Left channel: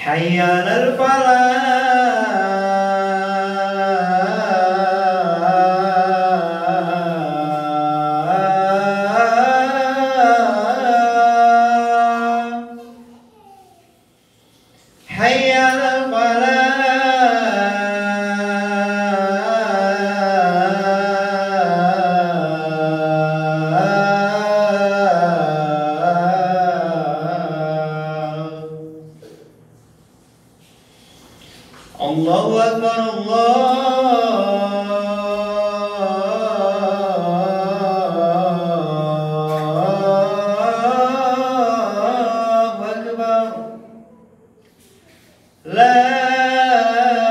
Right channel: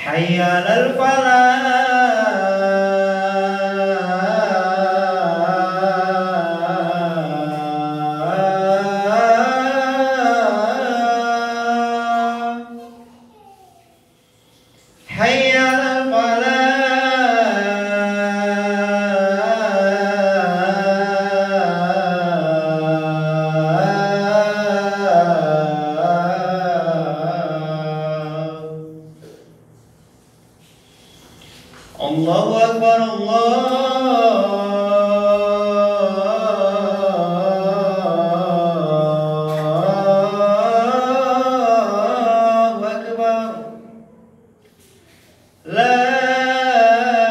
حي على الفلاح حي على Allahu Akbar, Allahu Akbar. La ilaha illallah.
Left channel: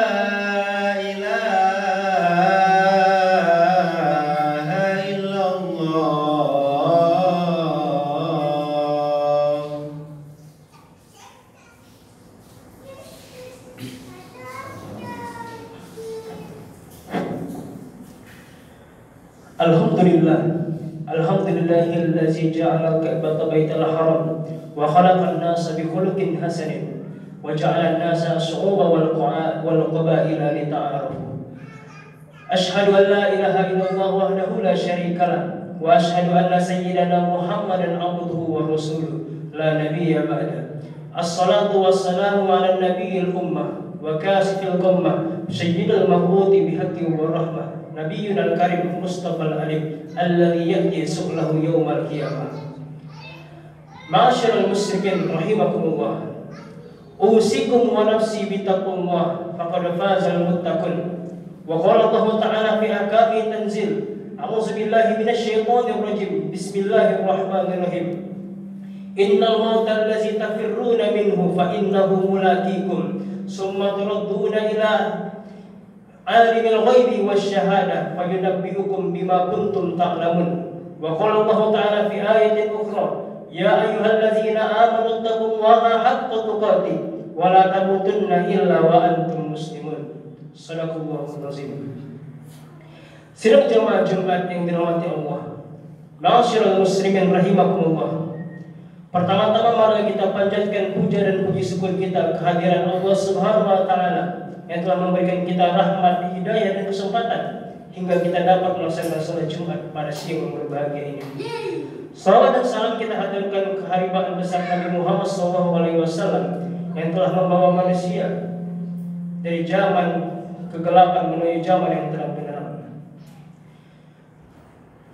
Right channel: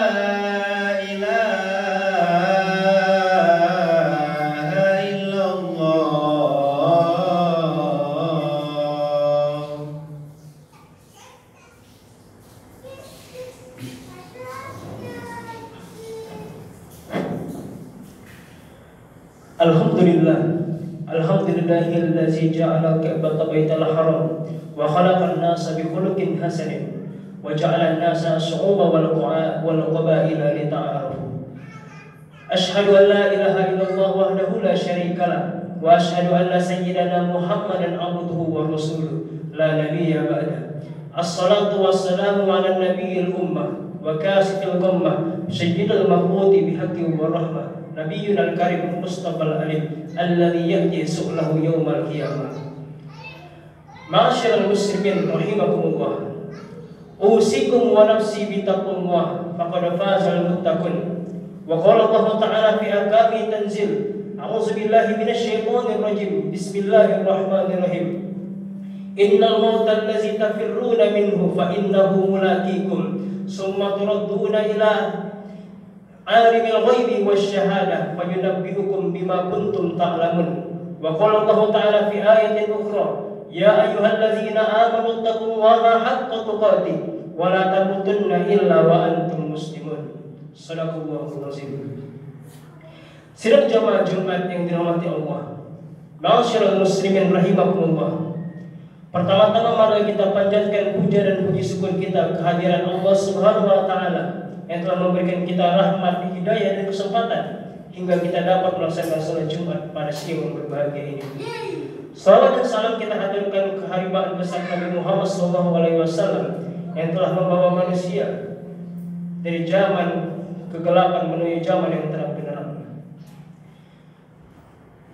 Alhamdulillahillazi ja'ala al-Ka'bata baital haram wa khalaqa an-nasa bi khuluqin hasanin wa ja'ala an-nasa syu'uban wal qabaila li ta'arafu. Ashhadu an la ilaha illallah wahdahu la syarika lah wa ashhadu anna sayyidana Muhammadan abduhu wa rasuluhu la nabiyya ba'da. As-salatu wassalamu ala nabiyil ummah wa kasifil ghammah sayyidil mab'uthi bihaqqi wa rahmah Nabiyyuna al-karim Mustafa al-alim alladhi yahdi su'lahu yawmal qiyamah. Ma'asyiral muslimin rahimakumullah. Usikum wa nafsi bitaqwallah faqad fazal muttaqun. Wa qala Allah ta'ala fi ahkami tanzil. A'udzu billahi minasy syaithanir rajim. Bismillahirrahmanirrahim. Innal mauta allazi tafirruna minhu fa innahu mulaqikum. Summa turadduna ila alimil ghaibi wasyahada fayunabbi'ukum bima kuntum ta'lamun. Wa qala Allah ta'ala fi ayatin ukhra ya ayyuhalladzina amanu taqullaha haqqa tuqatih wa la tamutunna illa wa antum muslimun. Shadaqallahul azim. Sidang jamaah Jumat yang dirahmati Allah, ma'asyiral muslimin rahimakumullah. Pertama-tama mari kita panjatkan puja dan puji syukur kita kehadiran Allah Subhanahu wa taala yang telah memberikan kita rahmat, hidayah dan kesempatan hingga kita dapat melaksanakan salat Jumat pada siang yang berbahagia ini. Salawat dan salam kita haturkan keharibaan besar Nabi Muhammad SAW yang telah membawa manusia dari zaman kegelapan menuju zaman yang terang benderang.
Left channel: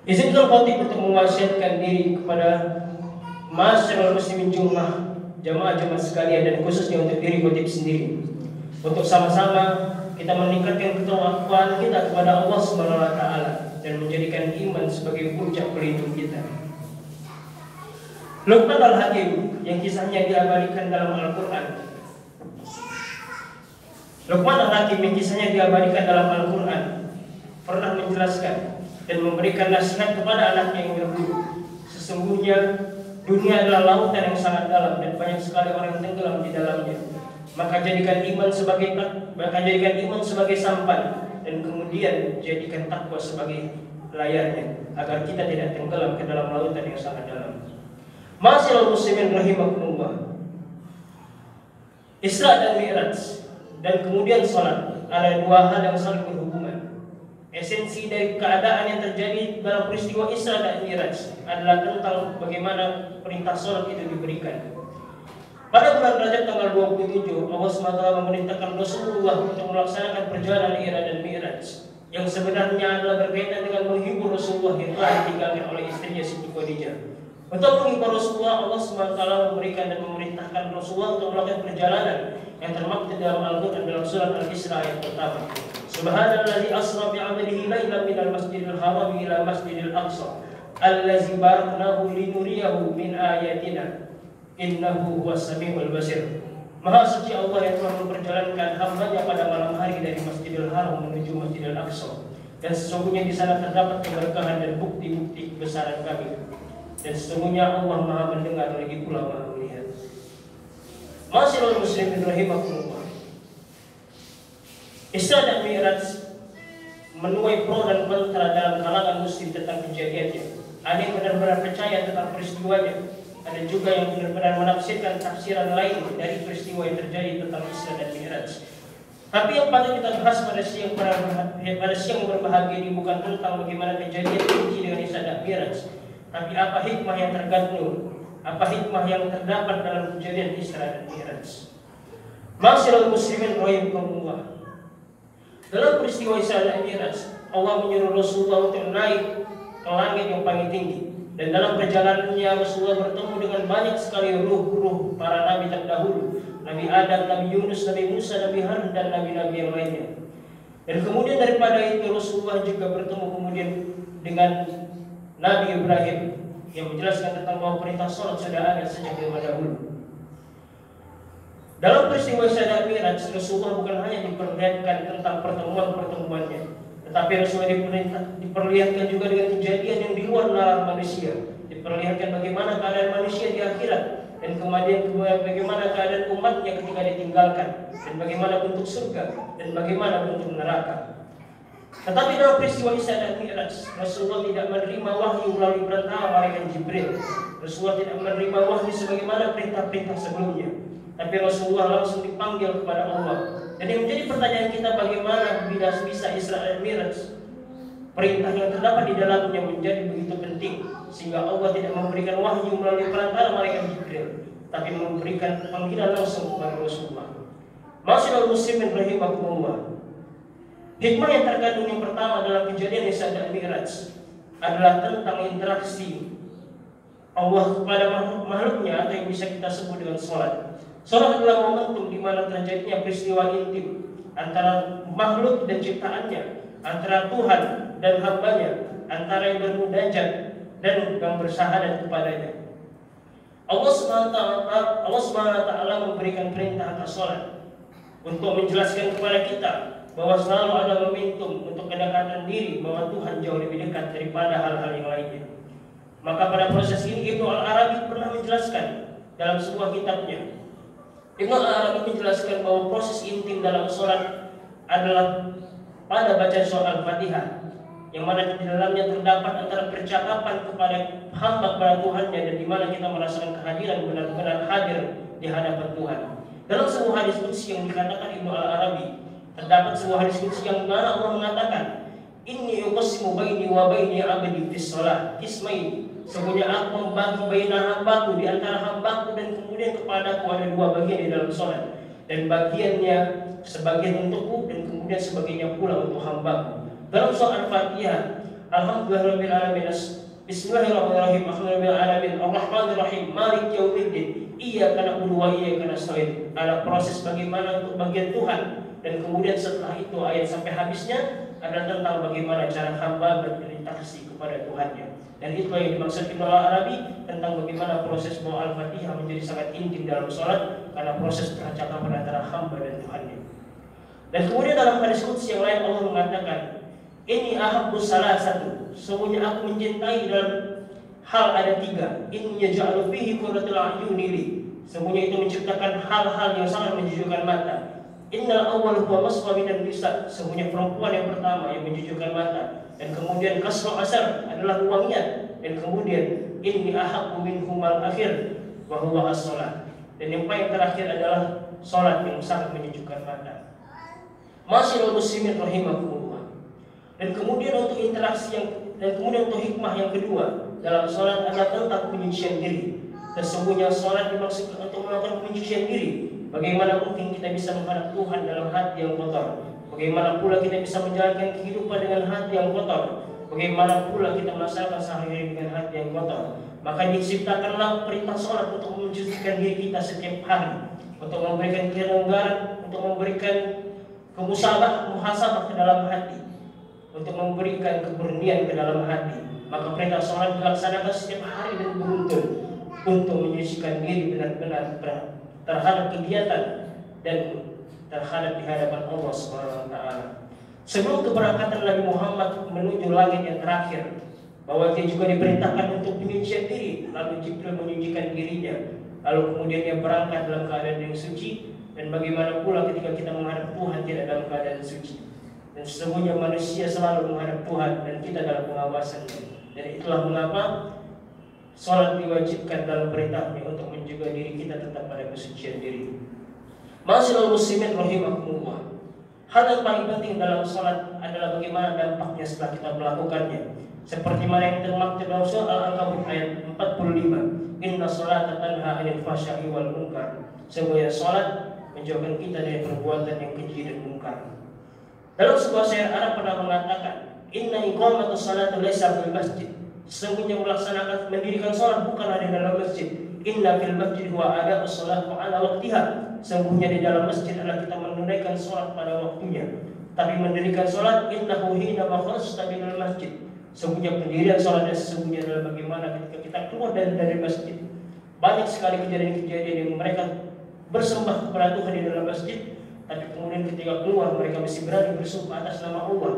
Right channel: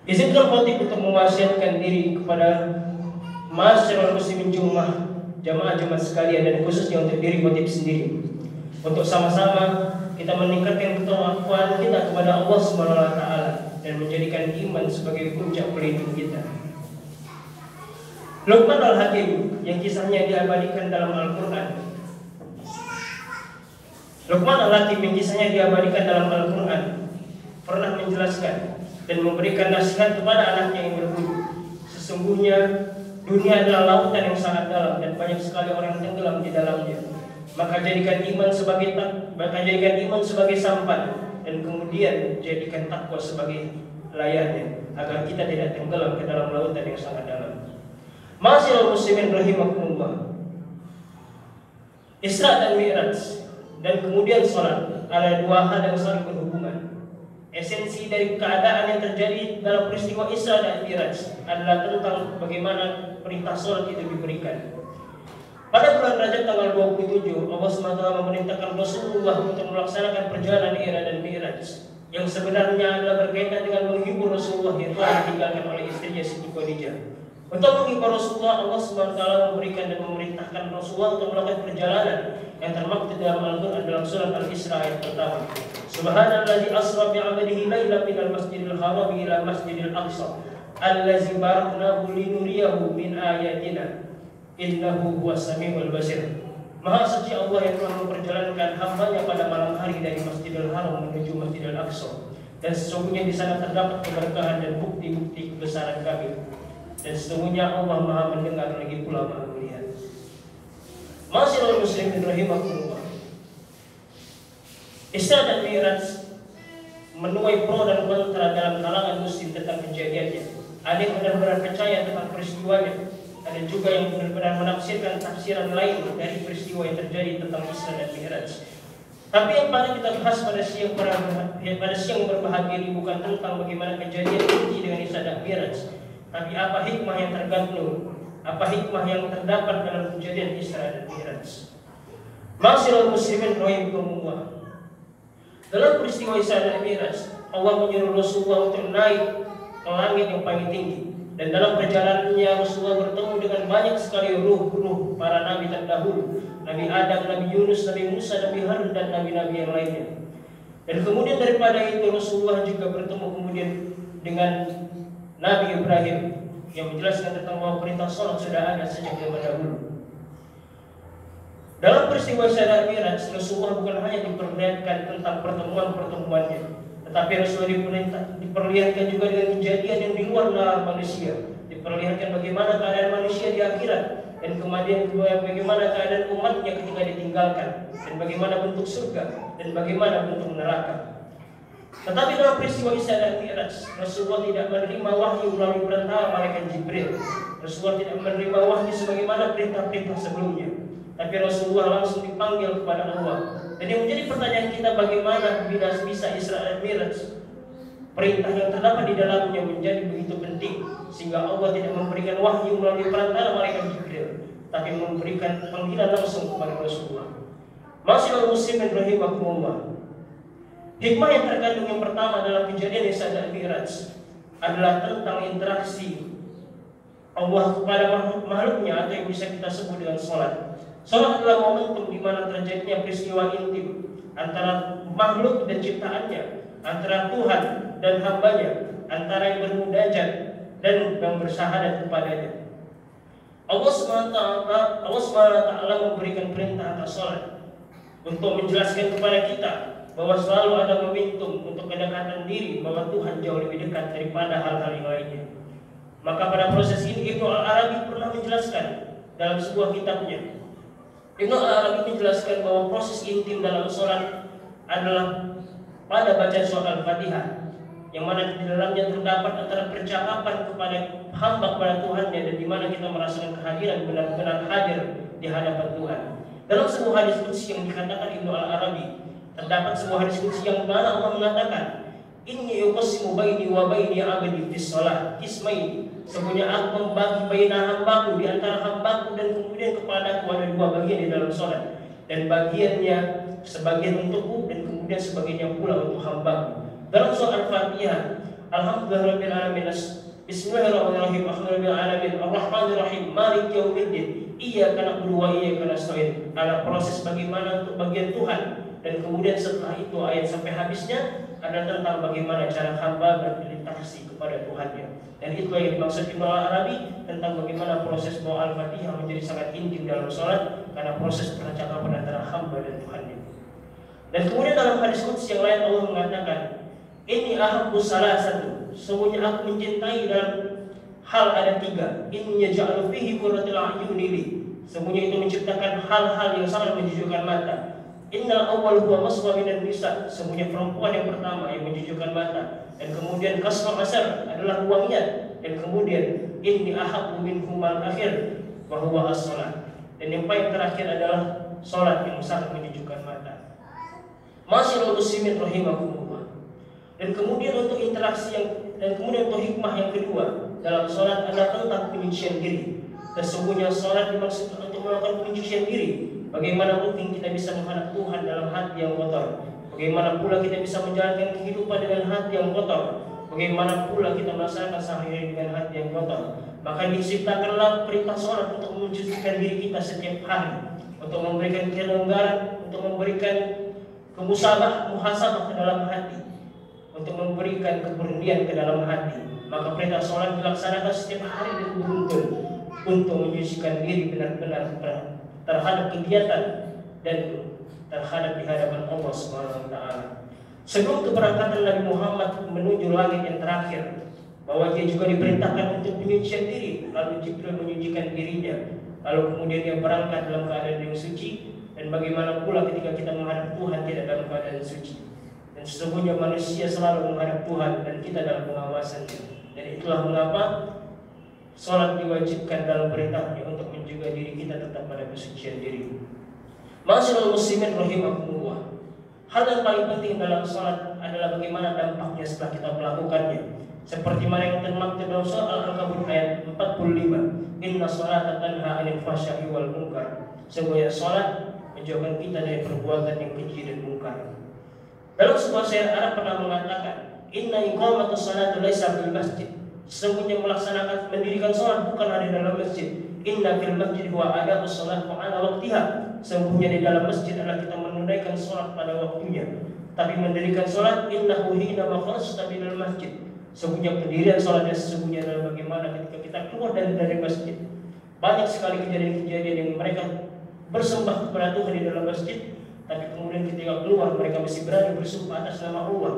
Izinkan khotib untuk mewasiatkan diri kepada masyarakat muslimin jamaah Jumat sekalian dan khususnya untuk diri khotib sendiri, untuk sama-sama kita meningkatkan ketakwaan kita kepada Allah Subhanahu wa taala dan menjadikan iman sebagai puncak pelindung kita. Luqman Al-Hakim yang kisahnya diabadikan dalam Al-Qur'an. Luqman Al-Hakim yang kisahnya diabadikan dalam Al-Qur'an pernah menjelaskan dan memberikan nasihat kepada anaknya yang berburu. Sesungguhnya dunia adalah lautan yang sangat dalam dan banyak sekali orang yang tenggelam di dalamnya. Maka jadikan iman sebagai sampan dan kemudian jadikan takwa sebagai layarnya agar kita tidak tenggelam ke dalam lautan yang sangat dalam. Ma'asyiral muslimin rahimakumullah. Isra dan Mi'raj dan kemudian salat ada dua hal yang saling berhubungan. Esensi dari keadaan yang terjadi dalam peristiwa Isra dan Mi'raj adalah tentang bagaimana perintah salat itu diberikan. Pada bulan Rajab tanggal 27, Allah SWT memerintahkan Rasulullah untuk melaksanakan perjalanan Isra dan Mi'raj yang sebenarnya adalah berkaitan dengan menghibur Rasulullah yang telah ditinggalkan oleh istrinya Siti Khadijah. Untuk menghibur Rasulullah, Allah SWT memberikan dan memerintahkan Rasulullah untuk melakukan perjalanan yang termaktub dalam Al-Quran dalam surat Al-Isra ayat pertama. Subhanallazi asra bi'abdihi lailan minal masjidil haram ila masjidil aqsa allazi baraknahu linuriyahu min ayatina innahu huwas samiul basir. Maha suci Allah yang telah memperjalankan hambanya pada malam hari dari Masjidil Haram menuju Masjidil Aqsa, dan sesungguhnya di sana terdapat keberkahan dan bukti-bukti kebesaran kami, dan sesungguhnya Allah Maha mendengar lagi pula Maha melihat. Ma'asyiral muslimin rahimakumullah. Isra dan Mi'raj menuai pro dan kontra dalam kalangan muslim tentang kejadiannya. Ada yang benar-benar percaya tentang peristiwanya, ada ada juga yang benar-benar menafsirkan tafsiran lain dari peristiwa yang terjadi tentang Isra dan Mi'raj. Tapi yang paling kita bahas pada siang berbahagia ini bukan tentang bagaimana kejadian inti dengan Isra dan Mi'raj, tapi apa hikmah yang terkandung, apa hikmah yang terdapat dalam kejadian Isra dan Mi'raj. Ma'asyiral muslimin rahimakumullah. Dalam peristiwa Isra dan Mi'raj, Allah menyuruh Rasulullah untuk naik ke langit yang paling tinggi. Dan dalam perjalanannya Rasulullah bertemu dengan banyak sekali ruh-ruh para nabi terdahulu, Nabi Adam, Nabi Yunus, Nabi Musa, Nabi Harun, dan nabi-nabi yang lainnya. Dan kemudian daripada itu Rasulullah juga bertemu kemudian dengan Nabi Ibrahim yang menjelaskan tentang bahwa perintah salat sudah ada sejak zaman dahulu. Dalam peristiwa Isra dan Mi'raj, Rasulullah bukan hanya diperlihatkan tentang pertemuan-pertemuannya, tetapi Rasulullah diperlihatkan juga dengan kejadian yang di luar nalar manusia. Diperlihatkan bagaimana keadaan manusia di akhirat, dan kemudian bagaimana keadaan umatnya ketika ditinggalkan, dan bagaimana bentuk surga, dan bagaimana bentuk neraka. Tetapi dalam peristiwa Isra dan Mi'raj, Rasulullah tidak menerima wahyu melalui perantara malaikat Jibril. Rasulullah tidak menerima wahyu sebagaimana perintah-perintah sebelumnya, tapi Rasulullah langsung dipanggil kepada Allah. Jadi menjadi pertanyaan kita, bagaimana bisa Isra dan Mi'raj, perintah yang terdapat di dalamnya menjadi begitu penting sehingga Allah tidak memberikan wahyu melalui perantara malaikat Jibril, tapi memberikan panggilan langsung kepada Rasulullah. Ma'asyiral muslimin rahimakumullah. Hikmah yang terkandung yang pertama dalam kejadian Isra dan Mi'raj adalah tentang interaksi Allah kepada makhluknya, atau yang bisa kita sebut dengan sholat. Sholat adalah momentum di mana terjadinya peristiwa intim antara makhluk dan ciptaannya, antara Tuhan dan hambanya, antara yang bermunajat dan yang bersyahadat kepadanya. Allah SWT memberikan perintah atas sholat untuk menjelaskan kepada kita bahwa selalu ada momentum untuk kedekatan diri, bahwa Tuhan jauh lebih dekat daripada hal-hal yang lainnya. Maka pada proses ini Ibnu Al-Arabi pernah menjelaskan dalam sebuah kitabnya. Ibnu Al-Arabi menjelaskan bahwa proses intim dalam sholat adalah pada bacaan surah Al-Fatihah, yang mana di dalamnya terdapat antara percakapan kepada hamba kepada Tuhannya, dan di mana kita merasakan kehadiran benar-benar hadir di hadapan Tuhan. Dalam sebuah hadis qudsi yang dikatakan Ibnu Al-Arabi, terdapat sebuah hadis qudsi yang mana Allah mengatakan, "Inni uqsimu baini wa baini 'abdi fis shalah qismain." Sesungguhnya aku membagi baina hambaku, di antara hambaku dan kemudian kepadaku ada dua bagian di dalam sholat, dan bagiannya sebagian untukku dan kemudian sebagiannya pula untuk hambaku. Dalam surah Al-Fatihah, Alhamdulillahirabbil alamin, Bismillahirrahmanirrahim, Alhamdulillahirabbil alamin, Arrahmanirrahim, Malik yaumiddin, Iyyaka na'budu wa iyyaka nasta'in. Ada proses bagaimana untuk bagian Tuhan, dan kemudian setelah itu ayat sampai habisnya adalah tentang bagaimana cara hamba berinteraksi kepada Tuhannya. Dan itu yang dimaksud Ibnu Arabi tentang bagaimana proses doa Al-Fatihah menjadi sangat intim dalam sholat, karena proses percakapan antara hamba dan Tuhannya. Dan kemudian dalam hadis qudsi yang lain Allah mengatakan, "Inni ahabbu salasatu." Sesungguhnya aku mencintai dalam hal ada tiga. "Inni yaj'alu fihi qurratul a'yuni li." Semuanya itu menciptakan hal-hal yang sangat menjejukkan mata. "Innal awwal huwa maswa minan nisa." Semuanya perempuan yang pertama yang menjejukkan mata. Dan kemudian kasra asar adalah wangian, dan kemudian inni ahabbu minhumal akhir wa huwa as-shalah. Dan yang paling terakhir adalah salat yang sangat menyejukkan mata. Ma'asyiral muslimin rahimakumullah. Dan kemudian untuk interaksi dan kemudian untuk hikmah yang kedua dalam salat adalah tentang penyucian diri. Sesungguhnya salat dimaksudkan untuk melakukan penyucian diri. Bagaimana mungkin kita bisa menghadap Tuhan dalam hati yang kotor? Bagaimana pula kita bisa menjalankan kehidupan dengan hati yang kotor? Bagaimana pula kita melaksanakan sehari-hari dengan hati yang kotor? Maka diciptakanlah perintah sholat untuk mencucikan diri kita setiap hari, untuk memberikan kelonggaran, untuk memberikan muhasabah ke dalam hati, untuk memberikan keberanian ke dalam hati. Maka perintah sholat dilaksanakan setiap hari dan beruntun untuk menyucikan diri benar-benar terhadap kegiatan dan terhadap di hadapan Allah Subhanahu wa taala. Sebelum keberangkatan Nabi Muhammad menuju langit yang terakhir, bahwa dia juga diperintahkan untuk penyucian diri, lalu Jibril menyucikan dirinya, lalu kemudian dia berangkat dalam keadaan yang suci. Dan bagaimana pula ketika kita menghadap Tuhan tidak dalam keadaan suci. Dan sesungguhnya manusia selalu menghadap Tuhan dan kita dalam pengawasannya. Dan itulah mengapa Salat diwajibkan dalam perintahnya untuk menjaga diri kita tetap pada kesucian diri. Ma'asyiral muslimin rahimakumullah. Hal yang paling penting dalam salat adalah bagaimana dampaknya setelah kita melakukannya. Seperti mana yang termaktub dalam surah Al-Ankabut ayat 45. Inna sholata tanha 'anil fahsya'i wal munkar. Sesungguhnya salat menjauhkan kita dari perbuatan yang keji dan munkar. Dalam sebuah syair Arab pernah mengatakan, Inna iqamatus salati laisa fil masjid. Sesungguhnya melaksanakan mendirikan salat bukanlah di dalam masjid. Inna fil masjid huwa adaa'us salat wa 'ala waqtiha. Sesungguhnya di dalam masjid adalah kita menunaikan salat pada waktunya. Tapi mendirikan salat innahu hina makhrajta minal masjid. Sesungguhnya pendirian salat dan sesungguhnya adalah bagaimana ketika kita keluar dari masjid. Banyak sekali kejadian-kejadian yang mereka bersembah kepada Tuhan di dalam masjid, tapi kemudian ketika keluar mereka masih berani bersumpah atas nama Allah,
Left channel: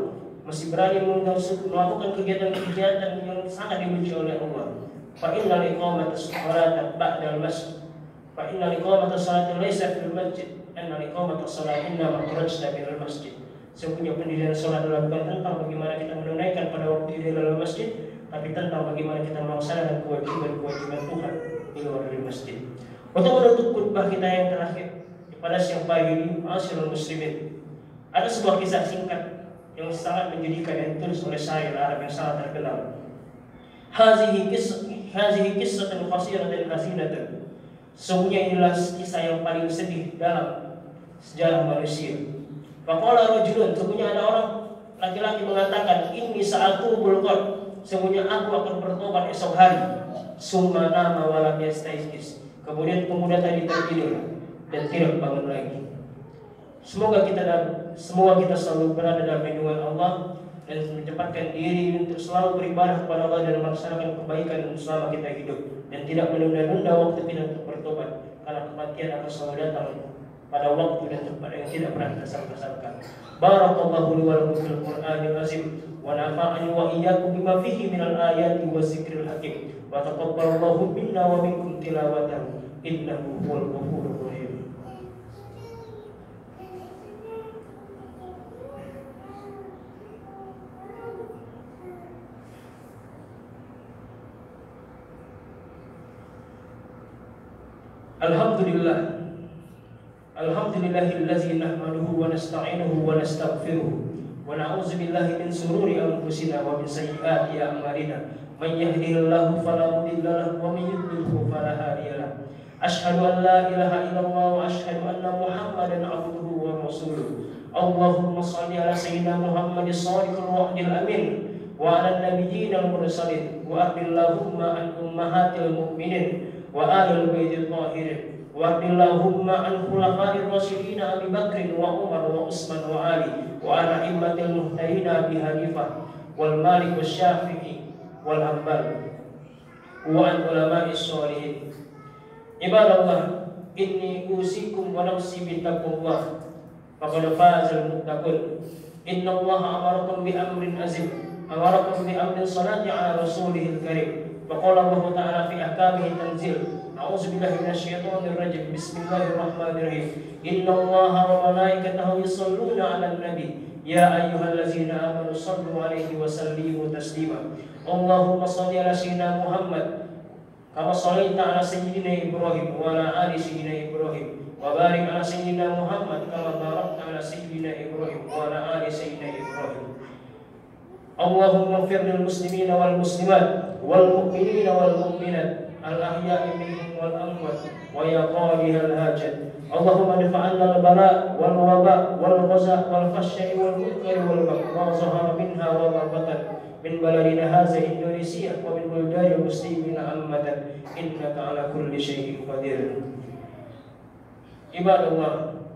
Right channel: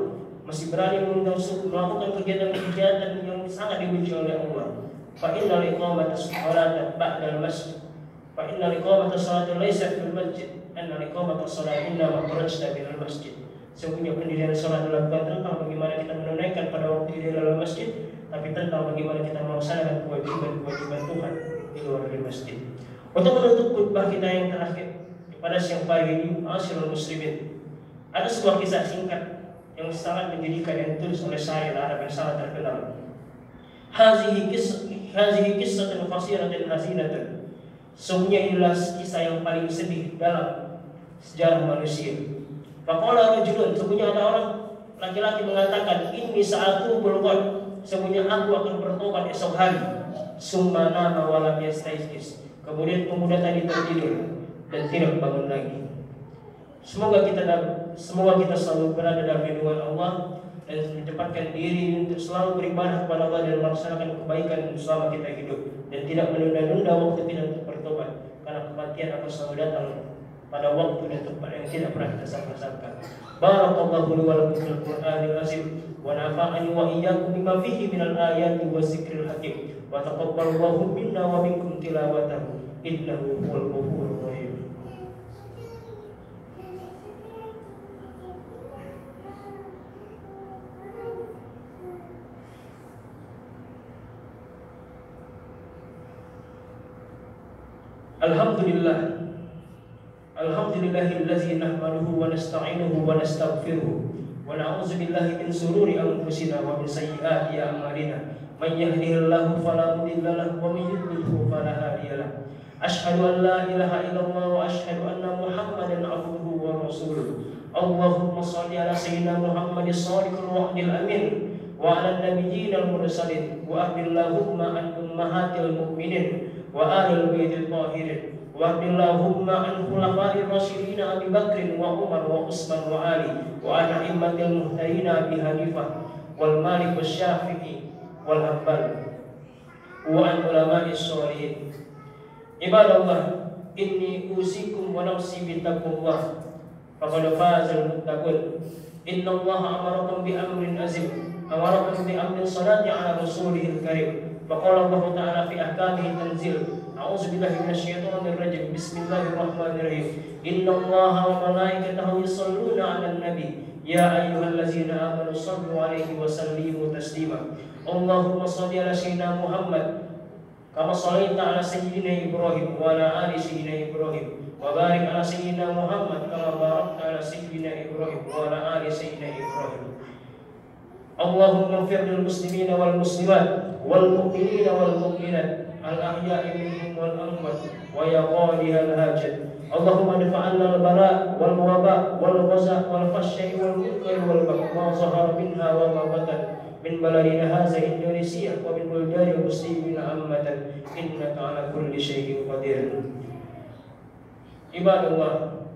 masih berani melakukan kegiatan-kegiatan yang sangat dibenci oleh Allah. Fa inna liqamatas salati ba'dal masjid. Fa inna liqamatas salati laisa fil masjid. Inna liqamatas salati inna makhrajta minal masjid. Sesungguhnya pendirian salat adalah bukan tentang bagaimana kita menunaikan pada waktu di dalam masjid, tapi tentang bagaimana kita melaksanakan kewajiban-kewajiban Tuhan di luar dari masjid. Untuk menutup khutbah kita yang terakhir pada siang pagi ini, ma'asyiral muslimin, ada sebuah kisah singkat yang sangat menjadikan yang ditulis oleh syair Arab yang sangat terkenal. Hazihi qissatun qasiratin hazinatun. Sesungguhnya inilah kisah yang paling sedih dalam sejarah manusia. Faqala rajulun, sesungguhnya ada orang laki-laki mengatakan, inni sa'atu bulqad, sesungguhnya aku akan bertobat esok hari. Summa nama wa lam yastayqis. Kemudian pemuda tadi tertidur dan tidak bangun lagi. Semoga kita selalu berada dalam lindungan Allah dan menempatkan diri untuk selalu beribadah kepada Allah dan melaksanakan kebaikan selama kita hidup, dan tidak menunda-nunda waktu kita untuk bertobat, karena kematian akan selalu datang pada waktu dan tempat yang tidak pernah kita sangka-sangka. Barakallahu li wa lakum fil Qur'anil azim wa nafa'ani wa iyyakum bima fihi minal ayati wadzikril hakim wa taqabbalallahu minna wa minkum tilawatahu innahu huwal ghafurur rahim. Alhamdulillahillazi nahmaduhu wa nasta'inuhu wa nastaghfiruh wa na'udzu billahi min shururi anfusina wa min sayyiati a'malina. Man yahdihillahu fala mudilla lahu wa man yudlilhu fala hadiya lahu. Asyhadu an la ilaha illallah wa asyhadu anna Muhammadan 'abduhu wa rasuluh. Allahumma shalli ala sayyidina Muhammadin shadiqil wa'dil amin wa ala nabiyyil mursalin wa ardillahumma an ummahatil mu'minin wa ahlil baitil tahirin wa ardillahumma an khulafa'ir rasyidin Abi Bakr wa Umar wa Utsman wa Ali wa ala immatil muhtadin Abi Hanifah wal Malik wasy-Syafi'i wal Hanbal wa an ulama'is shalihin. Ibadallah, inni usikum wa nafsi bittaqwallah faqad fazal muttaqun. Innallaha amarakum bi amrin azim, amarakum bi amrin salati ala rasulihil karim. Faqala Allah ta'ala fi ahkamihi tanzil. A'udzu billahi minasyaitonir rajim. Bismillahirrahmanirrahim. Innallaha wa malaikatahu yusholluna 'alan nabi. Ya ayyuhallazina amanu shallu 'alaihi wa sallimu taslima. Allahumma shalli 'ala sayyidina Muhammad kama shallaita 'ala sayyidina Ibrahim wa 'ala ali sayyidina Ibrahim wa barik 'ala sayyidina Muhammad kama barakta 'ala sayyidina Ibrahim wa 'ala ali sayyidina Ibrahim. Allahumma ighfir lil muslimina wal muslimat wal mu'minina wal mu'minat al ahya'i minhum wal amwat wa ya qadiyal hajat. Allahumma dafa'anna al bara wal waba wal ghaza wal fahsya'i wal munkari wal baghi wa zahara minha wa ma batan min baladina hadza Indonesia wa min buldani muslimina ammatan innaka ala kulli syai'in qadir. Ibadallah,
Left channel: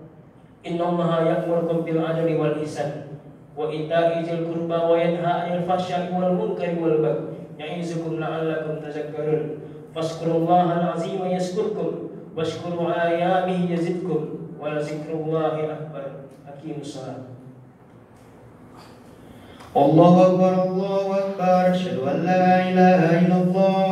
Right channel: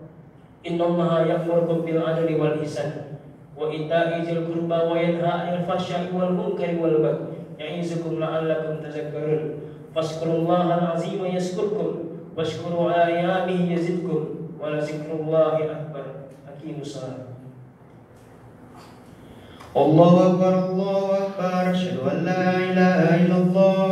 innallaha ya'murukum bil 'adli wal ihsan wa ita'i dzil qurba wa yanha 'anil fahsya'i wal munkari wal baghi ya'izukum la'allakum tadhakkarun. Fazkurullaha al-'azima yazkurkum washkuru 'ala ni'amihi yazidkum wa la zikrullahi akbar. Aqimus shalah. Allahu akbar, Allahu akbar. Asyhadu an la ilaha illallah,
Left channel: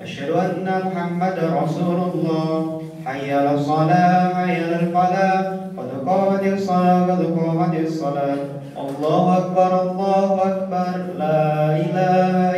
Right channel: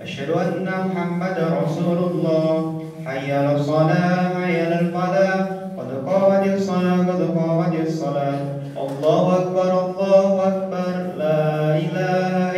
asyhadu anna Muhammadar Rasulullah. Hayya 'alas shalah, hayya 'alal falah. Qad qamatis shalah, qad qamatis shalah. Allahu akbar, Allahu akbar. La ilaha